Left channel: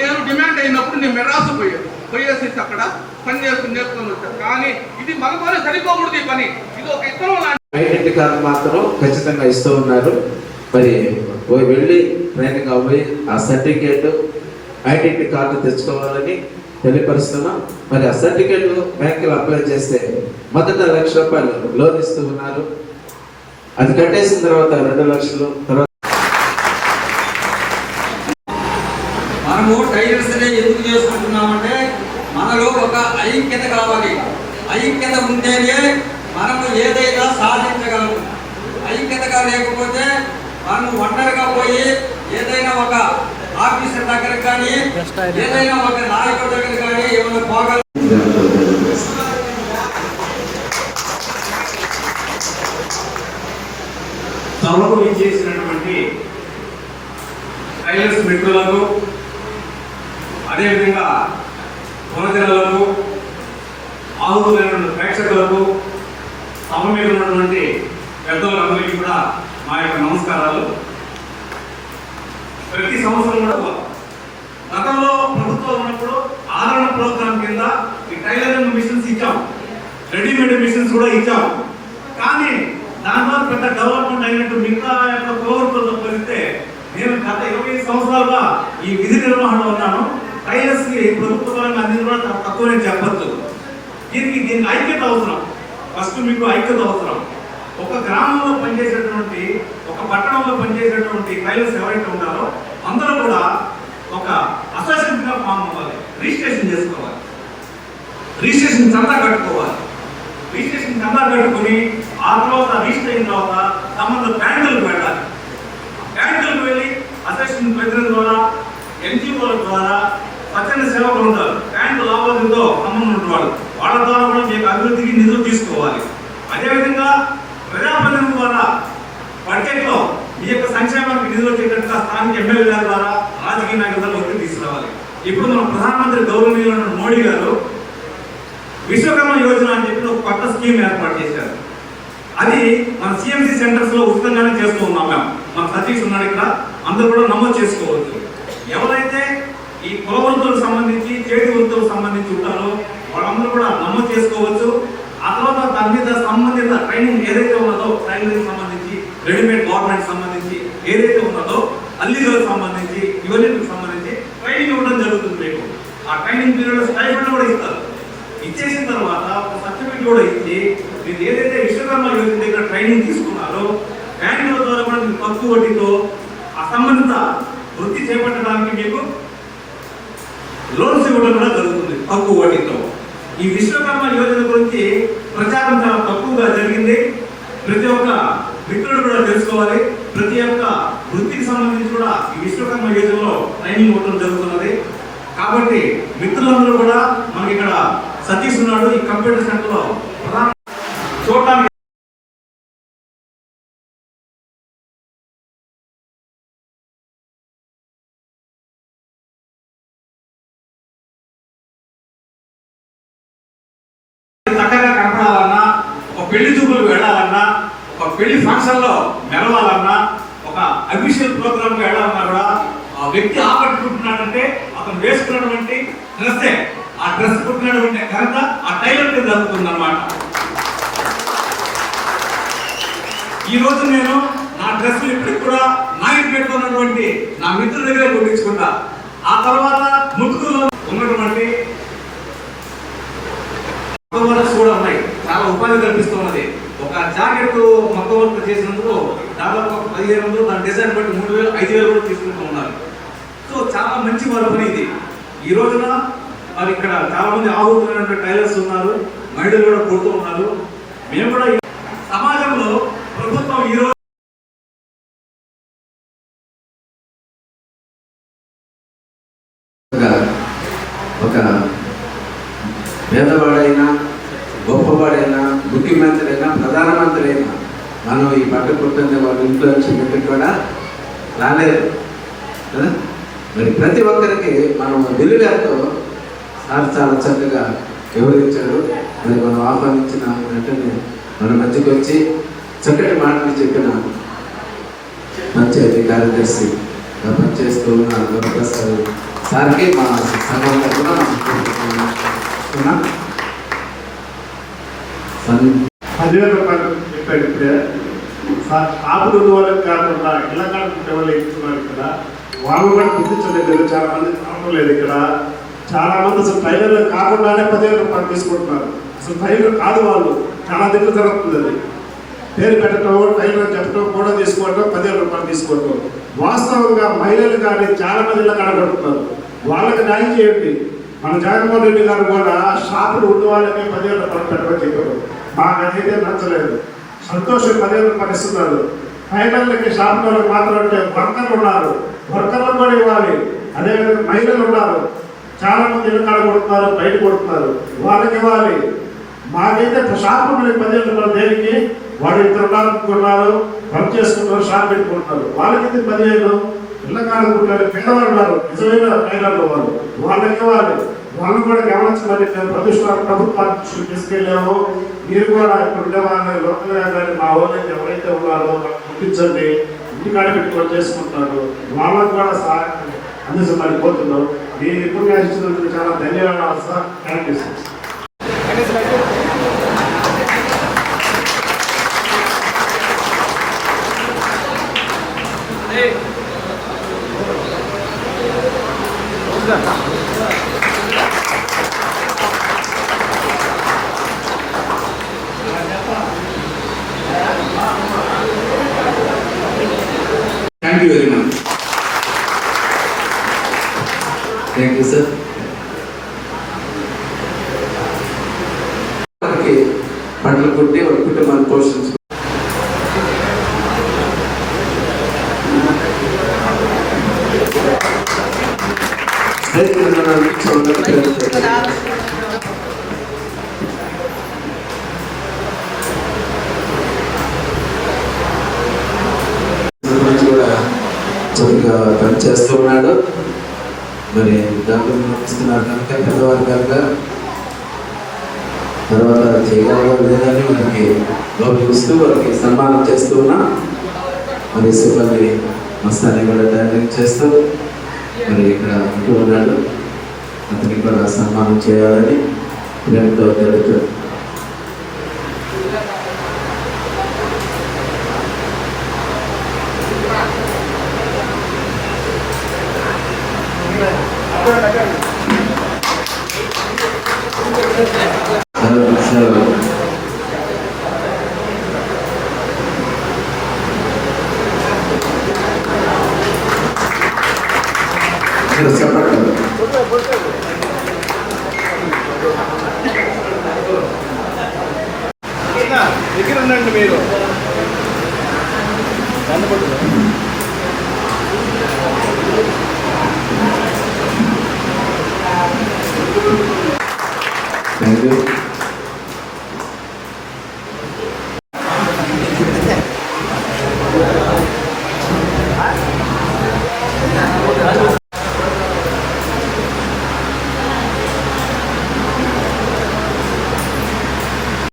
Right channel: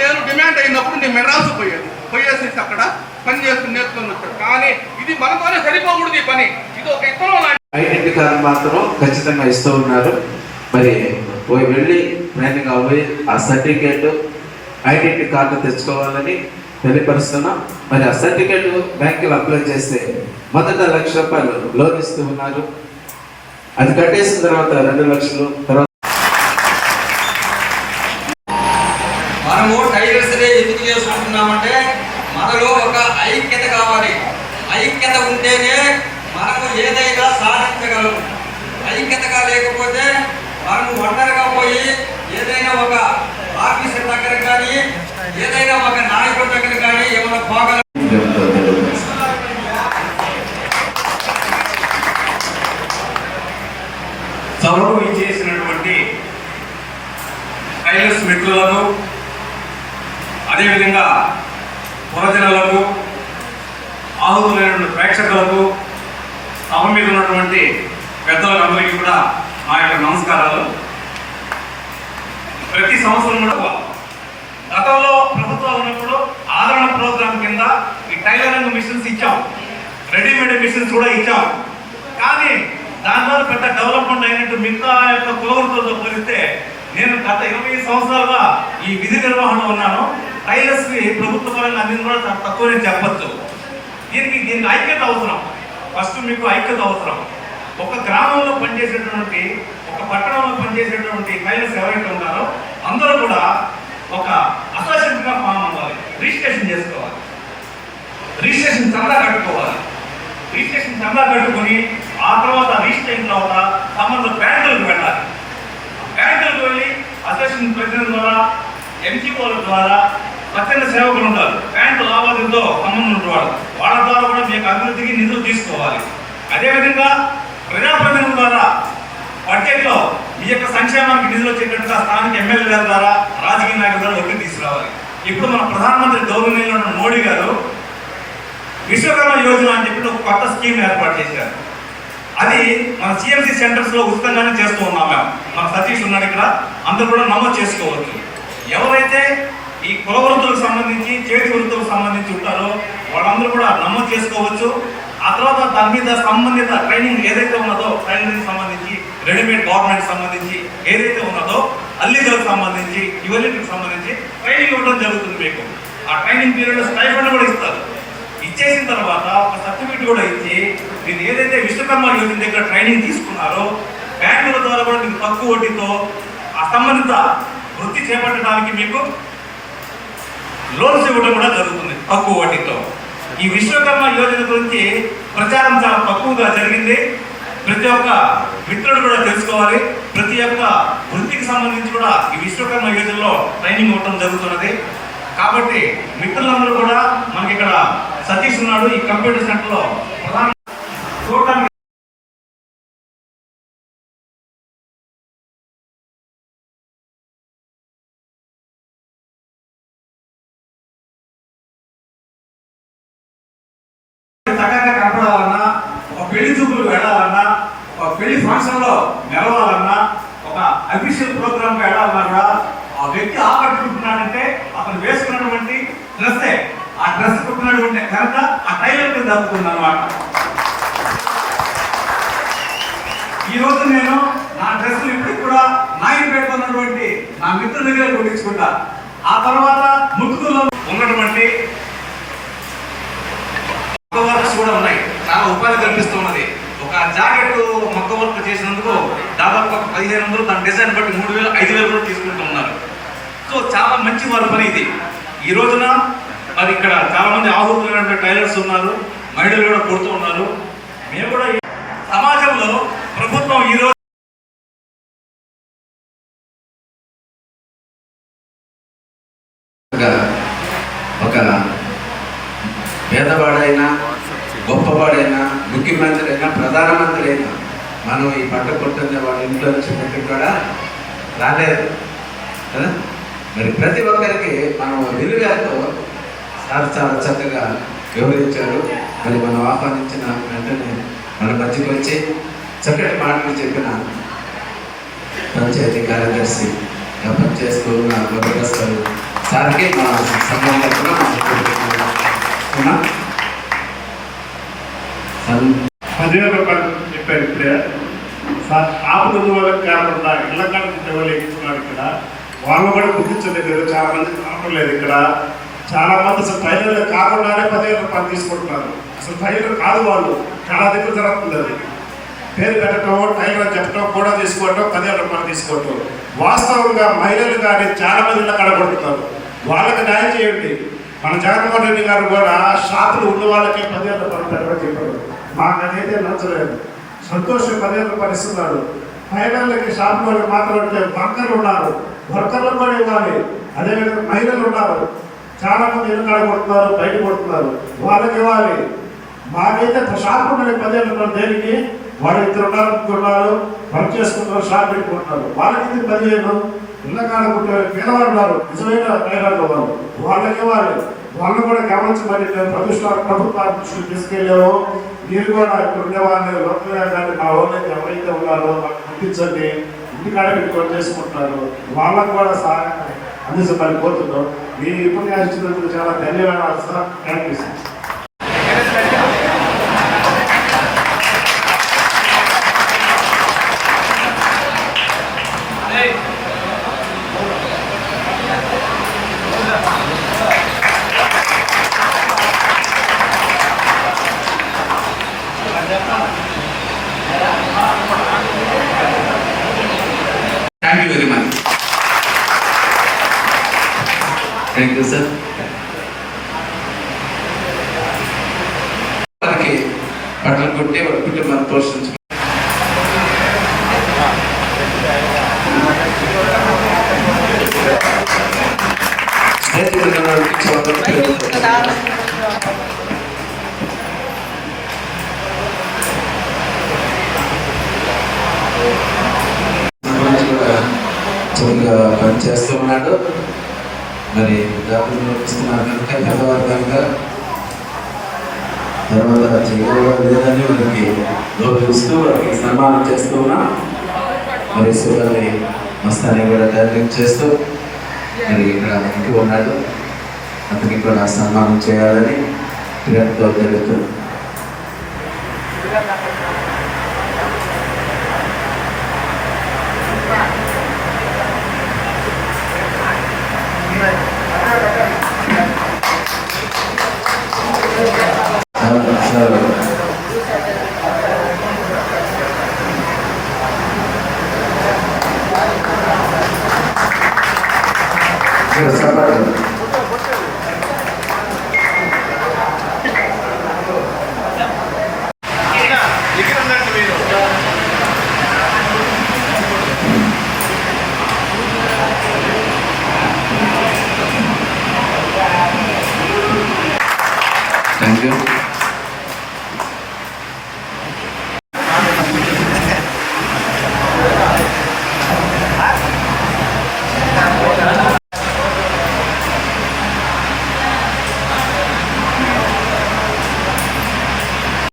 నేను డిమాండ్ అయినప్పుడు నేను మెడ్రాసు పోయేసేసి అక్కడ పని చేసుకుని నేర్చుకుని వచ్చాను. కానీ ఇది మనతోనే సరిపోకూడదు ఈ పని. ఇది ఒక ఇతరం ఐడెంటిటీ కార్డు మాత్రం ఖచ్చితంగా ఇస్తూ ఉన్నారు. మరి వెళ్ళి ట్రైనింగ్ అవ్వి ఆ సర్టిఫికేట్ ఐడెంటిటీ కార్డు తెచ్చుకోవాలని తెలియపరుస్తున్నాం. మరి ఆ సర్టిఫికేట్ బ్యాంకులో అప్లై చేస్తే మొదట ₹1,00,000 లోన్ ఇస్తూ ఉన్నారు. అది కట్టేసిన తర్వాత 2 లక్షలు. తర్వాత మనము టైలర్స్ డే ఎందుకు చేసుకుంటున్నామంటే మనలో ఒక ఐక్యత కావాలి. ఐక్యత ఉంటేనే మనము ఏదైనా సాధించగలము. ఐక్యతగా లేకపోతే మనం ఒంటరిగా పోయి ఏదైనా ఒక ఆఫీసర్ దగ్గర కానీ ఏదైనా ఒక నాయకుడి దగ్గర కానీ ఏమైనా పోగల సభకు ఇచ్చేసినటువంటి టైలర్స్ మిత్రులకు, అదేవిధంగా పురజనులకు, ఆహుతులైనటువంటి ప్రేక్షకులకు, సభ మీద ఉన్నటువంటి పెద్దలందరికీ కూడా మా యొక్క నమస్కారాలు. ప్రతి సంవత్సరం కూడా గతంలో ప్రభుత్వం ఉన్నప్పుడు ఆదరణ ప్రోగ్రాం కింద ఈ టైలరింగ్ మిషన్స్ ఇచ్చాం, రెడీమేడ్ మిషన్స్ కూడా ఇచ్చాం. కానీ దానివల్ల పెద్ద డెవలప్మెంట్ అయినట్టు మిగతా యొక్క కులవృత్తులతో పోలిస్తే నేను గత 20 సంవత్సరాలుగా ఈ విధి నిర్వహణలో ఉన్నాను. టైలర్స్ కి ప్రభుత్వ పరంగా అందింది కూడా తక్కువనే చెప్పచ్చు. దీనికి ఐక్యత అవసరం. ఫస్ట్ మీకు ఐక్యత అవసరం. ఒక గ్రామంలో పనిచేసేటువంటి, ఒక పట్టణంలో పనిచేసేటువంటి టైలర్స్ ఎవరైతే ఉంటారో అందరూ కూడా ఒక అసోసియేషన్గా ఫామ్ అవ్వాలి, రిజిస్ట్రేషన్ చేసుకోవాలి, రిజిస్ట్రేషన్ చందా కట్టుకోవాలి. రిజిస్ట్రేషన్ చందా కట్టుకొని ఆ తర్వాత రిజిస్టర్ అయిన తర్వాత సంబంధ బ్యాంకులకు వెళ్ళాలి. బ్యాంకులకు వెళ్ళి అసోసియేషన్ ప్రతినిధుల ద్వారా, ఎన్జిఓల ద్వారా, స్వచ్ఛంద సేవకులు ఉంటారు, బ్యాంకు లావాదేవీతో సంబంధం ఉన్నవాడు, వాళ్ళ ద్వారా కూడా మీకు అభివృద్ధికి నిధులు తీసుకోవాలి. అదేవిధంగా ప్రజాప్రతినిధుల ద్వారా బడ్జెట్లో మీ యొక్క సంక్షేమానికి నిధులు వచ్చేటట్టుగా స్థానిక ఎమ్మెల్యే గారి ద్వారా, రాజకీయ నాయకుల ద్వారా ఒత్తిడి తీసుకురావాలి. ఇప్పుడు మన ప్రధానమంత్రి గౌరవనీయులైన మోడీ గారు విశ్వకర్మ యోజన అని చెప్పి ఒక కొత్త స్కీమ్ ఏర్పాటు చేశారు. అది మన సిఎంసి సెంటర్స్ లో ఉచితంగానే చేస్తూ ఉన్నాం. మేము మన సతీష్ ఉన్నాడు ఇక్కడ, అందరూ కూడా నమోదు చేసుకోవచ్చు. ఎవరైతే ఈ కుల వృత్తులకు సంబంధించి, చేతి వృత్తులకు సంబంధించి ఉంటారో వాళ్ళందరూ కూడా నమోదు చేసుకోవచ్చు. ఆ తర్వాత దాని మీద సంబంధిత ట్రైనింగ్ ఏదైతే ఉన్నదో, ట్రైనింగ్ సంబంధించి, రెడీమేడ్ గవర్నమెంట్ సంబంధించి ఏదైతే ఉన్నదో, అల్లిగలకు సంబంధించి, ఇవన్నిటికి సంబంధించి ట్రైనింగ్ ఇవ్వడం జరుగుతుంది. మీకు ఆ ట్రైనింగ్ పీరియడ్ స్టైఫండ్ కూడా ఇస్తారు. ఇచ్చేసిన తర్వాత ఒక సర్టిఫికేట్ కూడా ఇచ్చి మీరు ఏదైతే విశ్వకర్మ యోజన దగ్గర ట్రైనింగ్ తీసుకున్నారో బ్యాంకుల ద్వారా కూడా మీకు తక్కువ వడ్డీతో ఆ సంబంధిత వృత్తి చేపట్టడానికి మీకు లోన్స్ ఇవ్వడం కూడా జరుగుతుంది తక్కువ వడ్డీతో. ఈ విశ్వకర్మ యోజన గురించి ప్రచారం చాలా తక్కువగా జరిగింది. ప్రతి ఒక్క మిత్రుడు కూడా తెలుసుకోవాలి. ప్రతి ఒక్క వృత్తికి సంబంధించి కూడా ఈ విశ్వకర్మ యోజనలో ట్రైనింగ్ ఇవ్వడం జరుగుతున్నది. కాబట్టి మిత్రులందరూ కూడా మనకి ఇక్కడ సతీష్ ఉన్నాడు, ఈ కంప్యూటర్ సెంటర్ లో ప్రధాన చూడటానికి చక్కగా కనపడాలన్నా, ఒక పెళ్లి చూపులకు వెళ్ళాలన్నా, ఒక పెళ్లి ఫంక్షన్ లో మెరవాలన్నా, ఒక అఫీషియల్ ప్రోగ్రామ్ కి వెళ్ళాలన్నా కూడా ఆ వ్యక్తి ఆకట్టుకుంటున్నాడంటే అతను వేసుకున్నటువంటి డ్రెస్సే, ఆ డ్రెస్ కుట్టినటువంటి ఘనత ఆ టైలర్ కి దక్కుతుంది అన్నమాట. ఈ రోజు నేను నా డ్రెస్సులు ఇప్పటికి కూడా నాయుడుపేటలో ఉన్నటువంటి నా మిత్రుల దగ్గర కుట్టించుకుంటా. ఆ తర్వాత ముట్టుకులో ఉన్నటువంటి కూడా ఉన్నాయి, చాలా ఉపాధి కల్పిస్తున్నది. ఒక జాకెట్ మొక్క వర్క్ చేసినందుకు దాదాపు 1500, దాని డిజైన్ బట్టి 3000, 5000 కూడా తీసుకుంటూ ఉన్నారు. సో చాలా మంచి వారి పని ఇది. ఈ రోజున మరి ఇక్కడ చాలా మంది ఆహుతులైన టైలర్స్ ఉన్నారు, మహిళలు కూడా కొడుతూ ఉన్నారు. మేము కూడా సమాజంలో ప్రభుత్వం ఈరోజు ఒక పేదవాడైనా, గొప్పవాడైనా, ముఖ్యమంత్రి అయినా, ప్రధానమంత్రి అయినా మనం ఈ పట్ట కొడుతున్న వాళ్ళ ఇంట్లో నుంచి కూడా రాలేదు కదా. మరి ప్రతి ఒక్కరికి మనం విలువలతో సార్ చాలా చక్కగా వివరించారు. మరి మనం ఆహ్వానించిన వెంటనే మన మధ్యకి వచ్చి చక్కటి మాటలు చెప్పిన పంచాయతీ కార్యదర్శి పనిచేస్తూ ఉన్న వరప్రసాద్ సార్కి మా సంఘం తరఫున మనం పదివేల రూపాయలు చెప్పారు ఇప్పుడే సార్ షాపులు ఉన్న వాళ్ళకి కాకుండా ఇళ్ళ కాడికి ఎవరు ఎక్కుతున్నారు ఇక్కడ వాళ్ళు కూడా గుర్తించలేదు. చాలా మంది కావడం లేదు ఇక్కడ. చాలా మంది అసలు టైలర్లు కాకుండానే 10,000 రూపాయలు తీసుకుంటున్నారు. అసలు టైలర్ కాదు వాళ్ళు. చాలా దగ్గర జరుగుతుంది అది. పేరు పెట్టడం, టైలర్ చెప్పడం కూడా తీసుకోవటం, 10,000 రూపాయలు తీసుకోవటం. వాస్తవంగా మహిళలు కానీ చాలా మంది ఇళ్ళ కడబడుతున్నారు. వాళ్ళకి న్యాయం చేయండి. మన జగన్మోహన్ రెడ్డి గారు కూడా షాపులు ఉన్న వాళ్ళకి 10,000 రూపాయలు పెట్టమని చెప్పారు. మాకు అదైతే నచ్చలేదు. సంతోషం 10,000 రూపాయలు ఇస్తున్నారు. టైలర్లకి షాపు వాళ్ళకి మాత్రం అంటే వర్కర్లు ఉన్నారు, వర్కర్లకు కూడా ఇవ్వాలి. అదేవిధంగా మహిళలు ఉన్నారు, చాలా మంది ఇల్లు కాడ కొడుతున్నారు, బయట కొడుతున్నారు, వాళ్ళకి ఇవ్వాలి. మాకైతే షాపు వాళ్ళకి 10,000 రూపాయలు దేనికి? వాడు 2 ఉన్నారు, వర్క్ చేసుకుంటారు, షాప్ పెట్టుకుంటున్నారు. వాళ్ళకైతే 10,000. ఇళ్ళ కాడ కొట్టారు, పేదవారు ఉన్నారు, నిజమైన టైలర్లు వాళ్ళు, వాళ్ళకి ఇవ్వాలి. వాళ్ళని కూడా గమనించమని మేము ప్రభుత్వ దృష్టికి తీసుకెళ్ళాము. మీరు కూడా ఇక్కడ ఉండే వాళ్ళని లోకల్గా కానీ మా ఊళ్ళో ఎవరైతే ఉన్నారో వాళ్ళని గుర్తించండి. ఇంటికాడ పెట్టుకొని చేసుకుంటున్నారు. వాళ్ళకు కూడా సహాయం అందించమని కోరుతున్నాం. మీరు ఇప్పుడు ఇచ్చినందుకు చాలా ధన్యవాదాలు sir. Thank you sir. Thank you very much. Thank you sir. వాళ్ళకి బట్టలు కొట్టి వాళ్ళ కుటుంబాన్ని పోషించుకుంటారు. చక్కగా పనిచేస్తూ ఉన్నాడు. మరి దాంట్లో ఇస్తున్నారు కనుక పెద్దవారు కనుక తర్వాత చేయగల విధాన్ని వారికి గౌరవిస్తూ వారికి సన్మానం చేస్తూ ఉన్నాం. మరి సుఖాన్ని మస్తాన్ని కూడా తయారు చేస్తూ మరి ఇక్కడ ఇంటి ఉన్నాడు, అతనికి కూడా సన్మానం చేయాలని ప్రేమతో జరుగుతుంది. ఎగిరుండండి మీరు. Thank you.